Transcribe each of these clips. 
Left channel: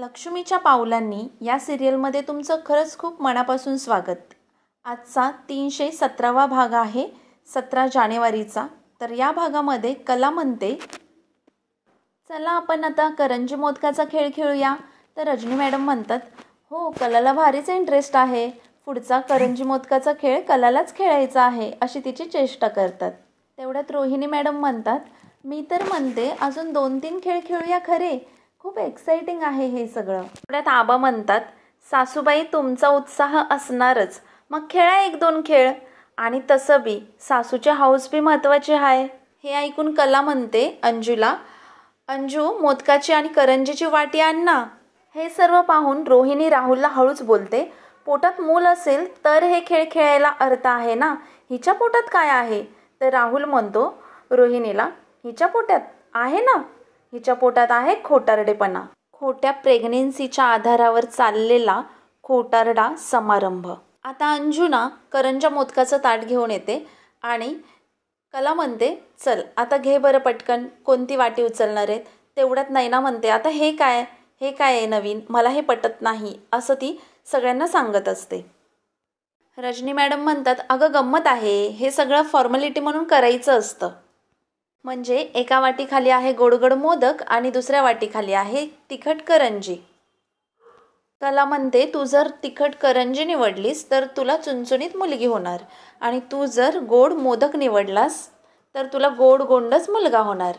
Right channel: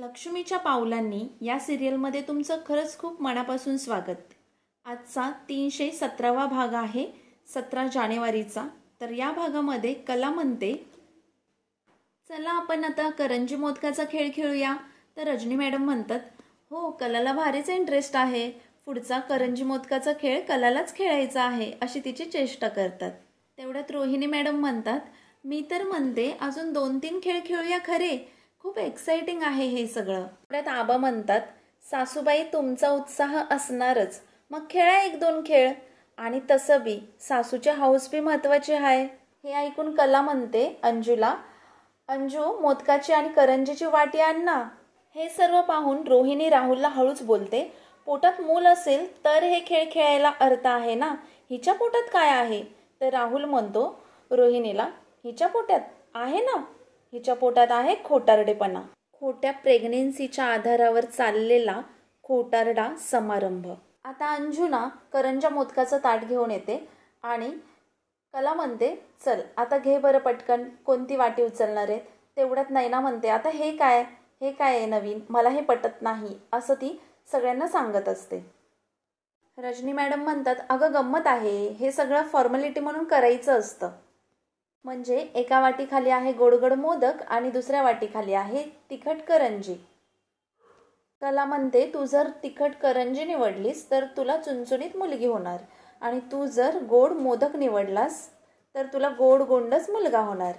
लक्ष्मीच्या पावलांनी या सिरियलमध्ये तुमचं खरंच खूप मनापासून स्वागत। आजचा 317वा भाग आहे 17 जानेवारीचा। तर या भागामध्ये कला म्हणते, चला आपण आता करंजी मोदकाचा खेळ खेळूया। तर रजनी मॅडम म्हणतात, हो कलाला भारीच इंटरेस्ट आहे, पुढचा करंजी मोदकाचा खेळ कलालाच खेळायचा आहे अशी तिची चेष्टा करतात। तेवढ्यात रोहिणी मॅडम म्हणतात, मी तर म्हणते अजून 2-3 खेळ खेळूया खरे, खूप एक्साइटिंग आहे हे सगळं। तेवढ्यात आबा म्हणतात, सासूबाई तुमचा उत्साह असणारच, मग खेळा 1-2 खेळ, आणि तसं बी सासूचे हाऊस बी महत्त्वाचे आहे। हे ऐकून कला म्हणते अंजूला, अंजू मोदकाची आणि करंजीची वाटी आण ना। हे सर्व पाहून रोहिणी राहुलला हळूच बोलते, पोटात मूल असेल तर हे खेळ खेळायला अर्थ आहे ना, हिच्या पोटात काय आहे? तर राहुल म्हणतो रोहिणीला, हिच्या पोटात आहे ना, हिच्या पोटात आहे खोटारडेपणा, खोट्या प्रेग्नेन्सीच्या आधारावर चाललेला खोटारडा समारंभ। आता अंजुना करंजा मोदकाचं ताट घेऊन येते आणि कला म्हणते, चल आता घे बरं पटकन, कोणती वाटी उचलणार आहेत? तेवढ्यात नैना म्हणते, आता हे काय आहे नवीन, मला हे पटत नाही असं ती सगळ्यांना सांगत असते। रजनी मॅडम म्हणतात, अगं गंमत आहे, हे सगळं फॉर्मॅलिटी म्हणून करायचं असतं। म्हणजे एका वाटीखाली आहे गोडगोड मोदक आणि दुसऱ्या वाटीखाली आहे तिखट करंजी। कला म्हणते, तू जर तिखट करंजी निवडलीस तर तुला चुणचुणीत मुलगी होणार, आणि तू जर गोड मोदक निवडलास तर तुला गोड गोंडच मुलगा होणार।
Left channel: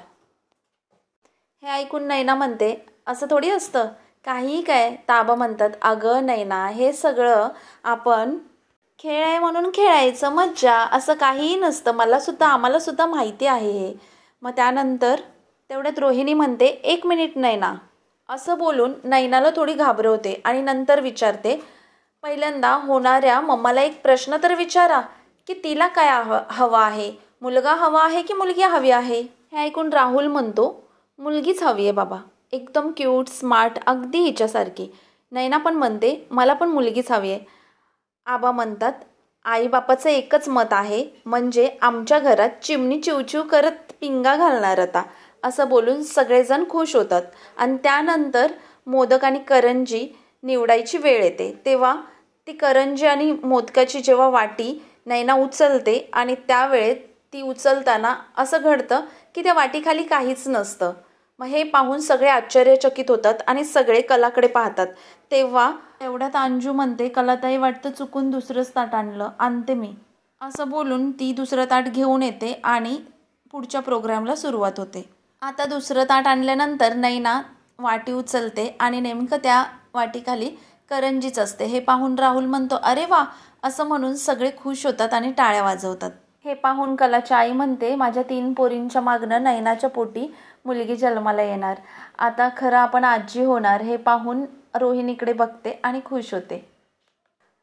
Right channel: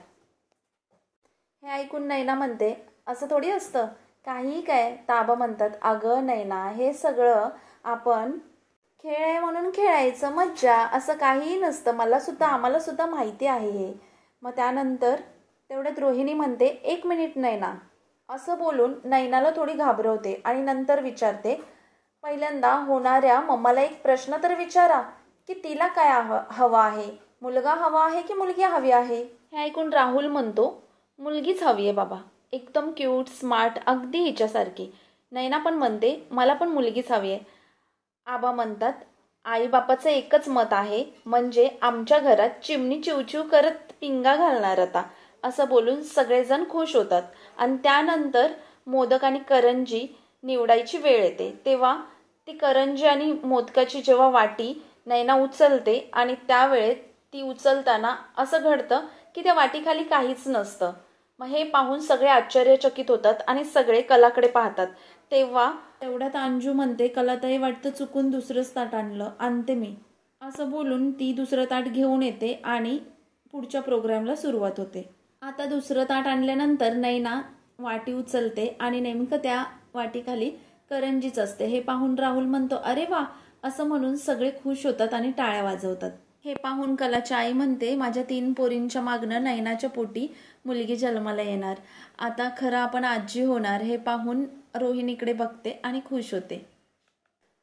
हे ऐकून नैना म्हणते, असं थोडी असतं, काहीही काय? ताबा म्हणतात, अगं नैना, हे सगळं आपण खेळ आहे म्हणून खेळायचं, मज्जा, असं काहीही नसतं, आम्हाला सुद्धा माहिती आहे हे। मग त्यानंतर तेवढ्यात रोहिणी म्हणते, 1 मिनिट नैना, असं बोलून नैनाला थोडी घाबरवते आणि नंतर विचारते, पहिल्यांदा होणाऱ्या मम्माला एक प्रश्न तर विचारा की तिला काय हवं आहे, मुलगा हवा आहे की मुलगी हवी आहे? हे ऐकून राहुल म्हणतो, मुलगीच हवी आहे बाबा, एकदम क्यूट स्मार्ट, अगदी हिच्यासारखी। नैना पण म्हणते, मला पण मुलगीच हवी आहे। आबा म्हणतात, आईबापाचं एकच मत आहे, म्हणजे आमच्या घरात चिमणी चिवचिव करत पिंगा घालणार आता, असं बोलून सगळेजण खुश होतात। आणि त्यानंतर मोदक आणि करंजी निवडायची वेळ येते, तेव्हा ती करंजी आणि मोदकाची जेव्हा वाटी नैना उचलते आणि त्यावेळेत ती उचलताना असं घडतं की त्या वाटीखाली काहीच नसतं। मग हे पाहून सगळे आश्चर्यचकित होतात आणि सगळे कलाकडे पाहतात। तेव्हा एवढ्यात अंजू म्हणते, कलाताई वाटतं चुकून दुसरंच ताट आणते मी, असं बोलून ती दुसरं ताट घेऊन येते आणि पुढच्या प्रोग्रामला सुरुवात होते। आता दुसरं ताट आणल्यानंतर नैना वाटी उचलते आणि नेमकं त्या वाटीखाली करंजीच असते। हे पाहून राहुल म्हणतो, अरे वा, असं म्हणून सगळे खुश होतात आणि टाळ्या वाजवतात। हे पाहून कलाची आई म्हणते, माझ्या 3 पोरींच्या मागणं नैनाच्या पोटी मुलगी जन्माला येणार, आता खरं आपण आजी होणार। हे पाहून रोहिणीकडे बघते आणि खुश होते।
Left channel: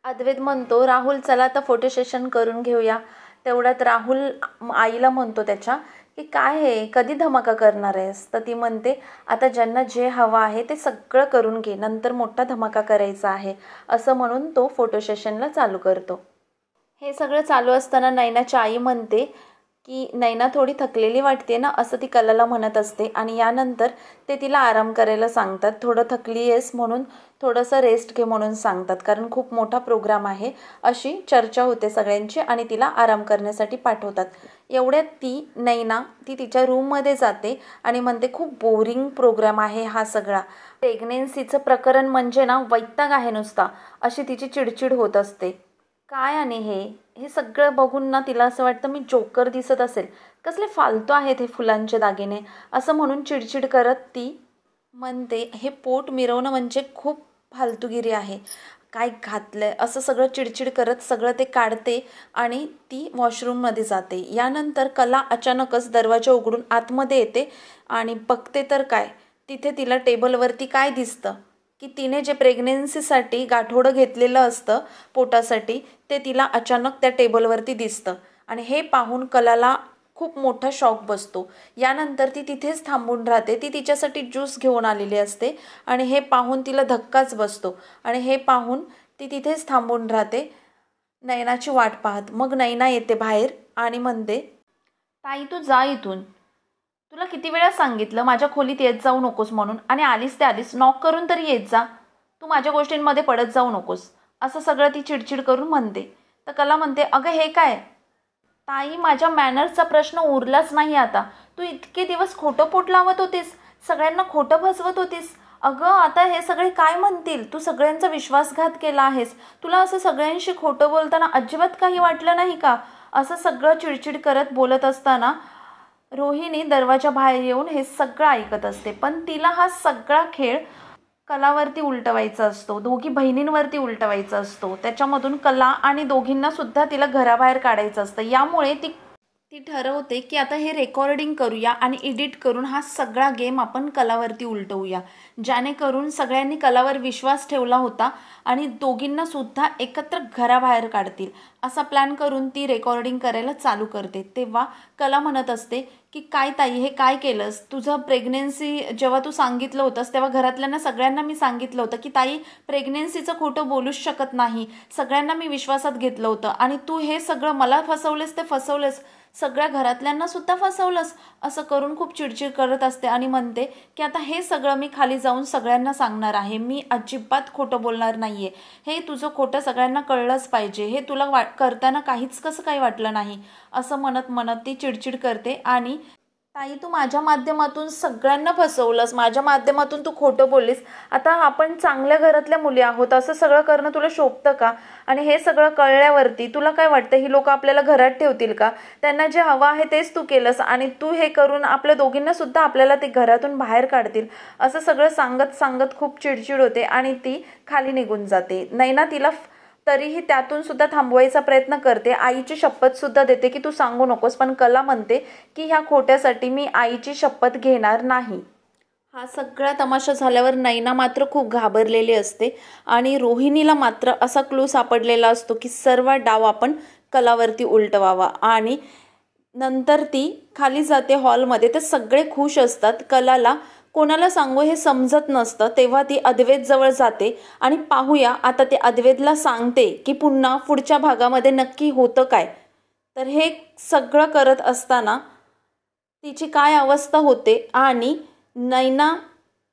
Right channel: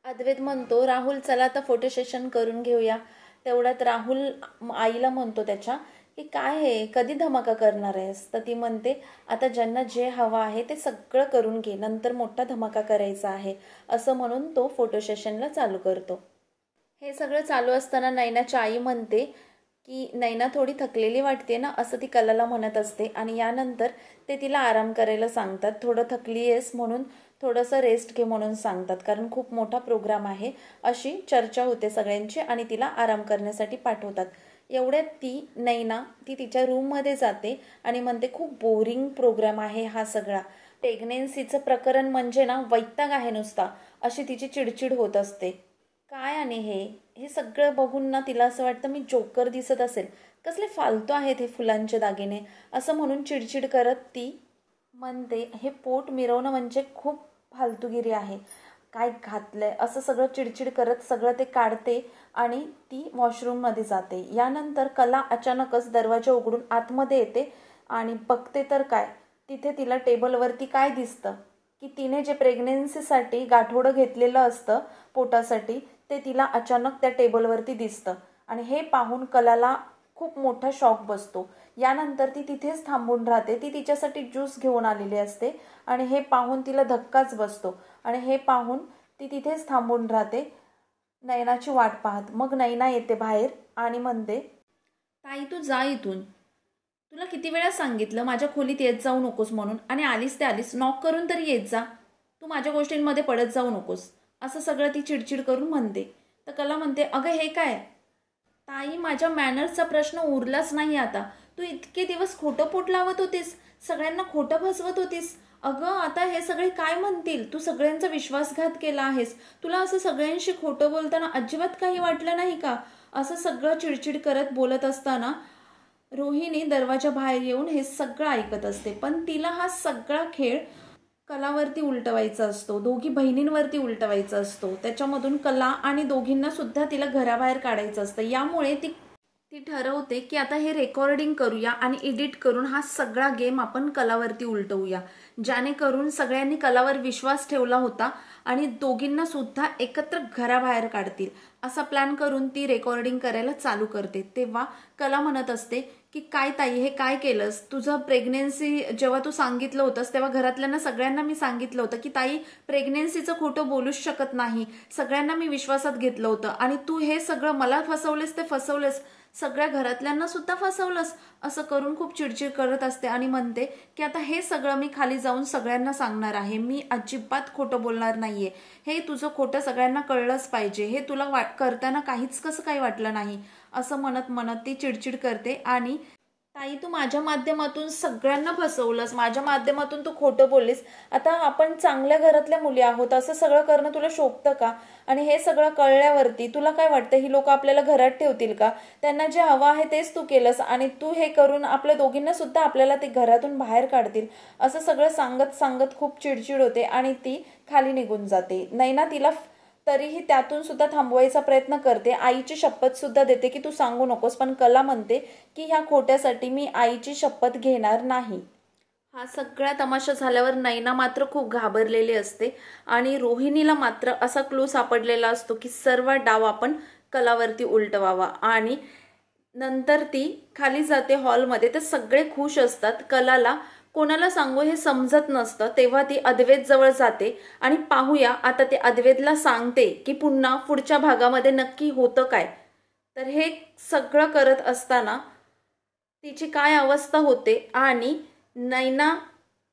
अद्वैत म्हणतो, राहुल चला आता फोटो सेशन करून घेऊया। तेवढ्यात राहुल आईला म्हणतो त्याच्या, की काय हे, कधी धमाका करणार आहेस? तर ती म्हणते, आता ज्यांना जे हवं आहे ते सगळं करून घे, नंतर मोठा धमाका करायचा आहे, असं म्हणून तो फोटो सेशनला चालू करतो। हे सगळं चालू असताना नैनाची आई म्हणते की नैना थोडी थकलेली वाटते ना, असं ती कलाला म्हणत असते, आणि यानंतर ते तिला आराम करायला सांगतात। थोडं थकली आहेस म्हणून थोडंसं रेस्ट घे म्हणून सांगतात, कारण खूप मोठा प्रोग्राम आहे अशी चर्चा होते सगळ्यांची, आणि तिला आराम करण्यासाठी पाठवतात। एवढ्यात ती नैना तिच्या रूममध्ये जाते आणि म्हणते, खूप बोरिंग प्रोग्राम आहे हा सगळा, प्रेग्नेन्सीचं प्रकरण म्हणजे ना वैताग आहे नुसता, अशी तिची चिडचिड होत असते। काय आणि हे सगळं बघून ना तिला असं वाटतं, मी जोकर दिसत असेल, कसले फालतू आहेत हे फुलांचे दागिने, असं म्हणून चिडचिड करत ती म्हणते, हे पोट मिरवणं म्हणजे खूप फालतूगिरी आहे, काय घातलंय, असं सगळं चिडचिड करत सगळं ते काढते आणि ती वॉशरूममध्ये जाते। यानंतर कला अचानकच दरवाजा उघडून आतमध्ये येते आणि बघते तर काय, तिथे तिला टेबलवरती काय दिसतं की तिने जे प्रेग्नेन्सीसाठी गाठोडं घेतलेलं असतं पोटासाठी, ते तिला अचानक त्या टेबलवरती दिसतं, आणि हे पाहून कलाला खूप मोठा शॉक बसतो। यानंतर ती तिथेच थांबून राहते, ती तिच्यासाठी ज्यूस घेऊन आलेली असते, आणि हे पाहून तिला धक्काच बसतो, आणि हे पाहून ती तिथेच थांबून राहते नैनाची वाट पाहत। मग नैना येते बाहेर आणि म्हणते, ताई तू जा इथून, तुला किती वेळा सांगितलं माझ्या खोलीत येत जाऊ नकोस म्हणून, आणि आलीस ते आलीस, नॉक करून तरी येत जा. तू माझ्या गोष्टींमध्ये पडत जाऊ नकोस, असं सगळं ती चिडचिड करून म्हणते. तर कला म्हणते, अगं हे काय ताई, माझ्या मॅनर्सचा प्रश्न उरलाच नाही आता. तू इतके दिवस खोटं पोट लावत होतीस, सगळ्यांना खोटं फसवत होतीस. अगं आता हे सगळे काय म्हणतील, तू सगळ्यांचा विश्वासघात केला आहेस. तुला असं सगळ्यांशी खोटं बोलताना अजिबात काही वाटलं नाही का? असं सगळं चिडचिड करत बोलत असताना रोहिणी दरवाजा बाहेर येऊन हे सगळं ऐकत असते. पण तिला हा सगळा खेळ कलावरती उलटवायचा असतो, दोघी बहिणींवरती उलटवायचा असतो. त्याच्यामधून कला आणि दोघींना सुद्धा तिला घराबाहेर काढायचं असतं. यामुळे ती ठरवते की आता हे रेकॉर्डिंग करूया आणि एडिट करून हा सगळा गेम आपण कलावरती उलटवूया, जेणेकरून सगळ्यांनी कलावर विश्वास ठेवला होता आणि दोघींना सुद्धा एकत्र घराबाहेर काढतील, असा प्लॅन करून ती रेकॉर्डिंग करायला चालू करते. तेव्हा कला म्हणत असते की काय ताई, हे काय केलंस? तुझं प्रेग्नेन्सी जेव्हा तू सांगितलं होतंस तेव्हा घरातल्यांना सगळ्यांना मी सांगितलं होतं की ताई प्रेग्नेन्सीचं खोटं बोलूच शकत नाही, सगळ्यांना मी विश्वासात घेतलं होतं, आणि तू हे सगळं मला फसवलेस ते फसवलेस, सगळ्या घरातल्यांना सुद्धा फसवलंस, असं करून खूप चिडचिड करत असते. आणि म्हणते की आता हे सगळं मी खाली जाऊन सगळ्यांना सांगणार आहे, मी अजिबात खोटं बोलणार नाहीये, हे तुझं खोटं सगळ्यांना कळलंच पाहिजे, हे तुला करताना काहीच कसं काही वाटलं नाही, असं म्हणत म्हणत ती चिडचिड करते. आणि ताई तू माझ्या माध्यमातून सगळ्यांना फसवलंस, माझ्या माध्यमातून तू खोटं बोललीस, आता आपण चांगल्या घरातल्या मुली आहोत, असं सगळं करणं तुला शोभतं का? आणि हे सगळं कळल्यावरती तुला काय वाटतं, ही लोक आपल्याला घरात ठेवतील का? त्यांना जे हवं आहे तेच तू केलंस, आणि तू हे करून आपल्या दोघींना सुद्धा आपल्याला ते घरातून बाहेर काढतील, असं सगळं सांगत सांगत खूप चिडचिड होते आणि ती खाली निघून जाते. नैना तिला तरीही त्यातून सुद्धा थांबवायचा प्रयत्न करते, आईची शपथ सुद्धा देते की तू सांगू नकोस, पण कला म्हणते की ह्या खोट्यासाठी मी आईची शपथ घेणार नाही. हा सगळा तमाशा झाल्यावर नैना मात्र खूप घाबरलेली असते आणि रोहिणीला मात्र असा क्लू सापडलेला असतो की सर्व डाव आपण कलावरती उलटवावा. आणि नंतर ती खाली जाते हॉलमध्ये, तर सगळे खुश असतात. कलाला कोणाला सांगू हे समजत नसतं. तेव्हा ती अद्वैत जवळ जाते आणि पाहूया आता ते अद्वैतला सांगते की पुन्हा पुढच्या भागामध्ये नक्की होतं काय. तर हे सगळं करत असताना तिची काय अवस्था होते आणि नैना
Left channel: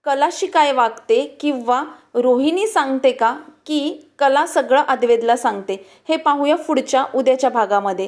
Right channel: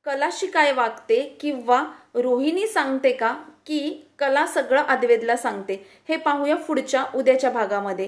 कलाशी काय वागते, किंवा रोहिणी सांगते का की कला सगळं अद्वैतला सांगते, हे पाहूया पुढच्या उद्याच्या भागामध्ये.